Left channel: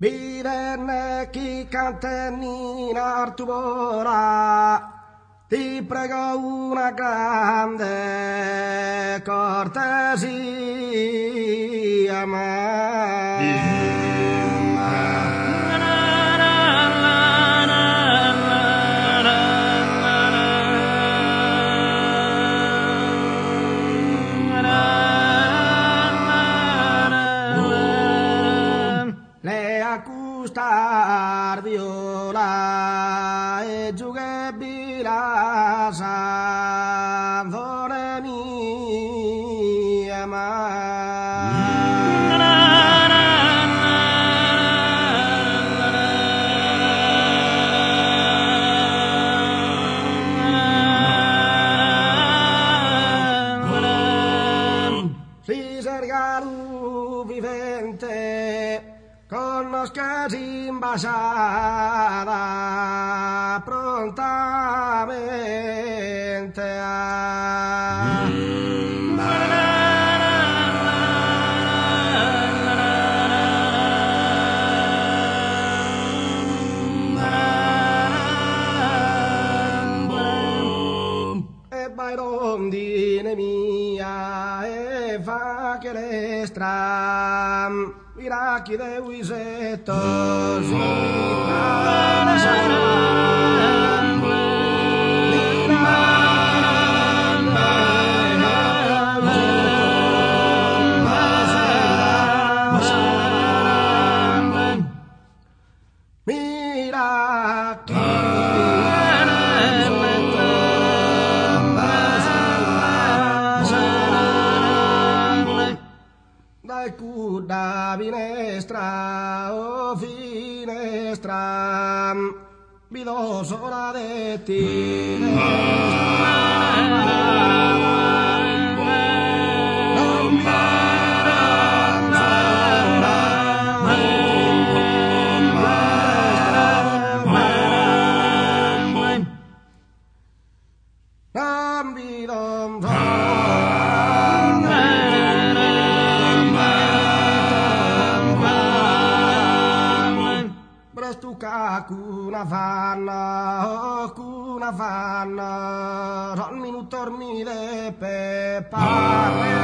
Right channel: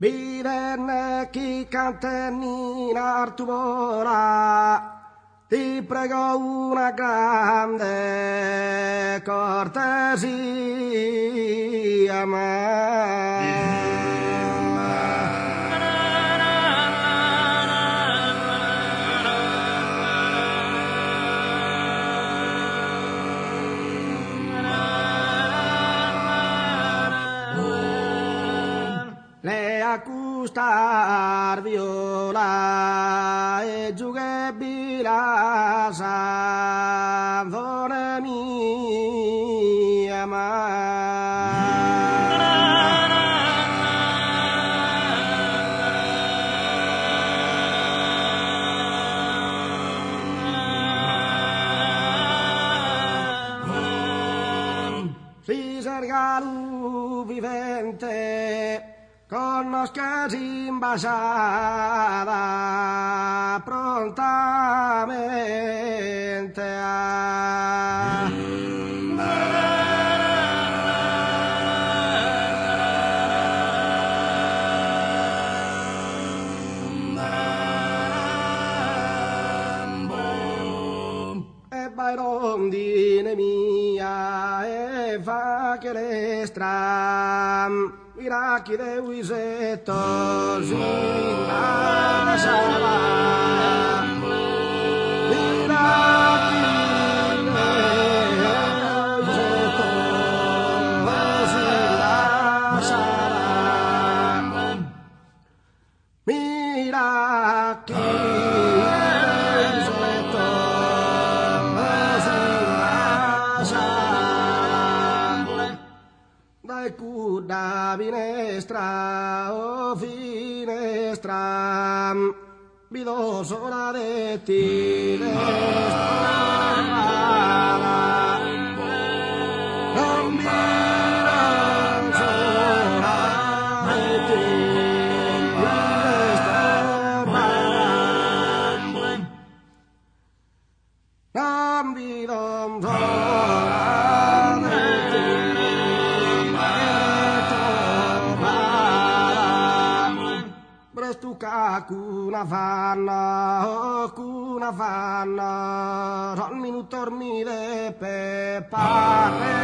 Viverne chi cantenni in artubora, ti prego una grande cortesia, le accustar viola e giughe bilasa dore mia Fisargalu vivente conoscasi imbasada prontamente e vai rondine mia e fa che le stram Iraki de Wiseto Zina Salam Iraki de Wiseto Zina Salam Iraki de Wiseto Zina Salam Dai kuda finestra, oh finestra, vi do sola de ti, non mi era sola de ti, non vi do sola de ti. Prestuca cuna fanna, son minuto dormire per parlare.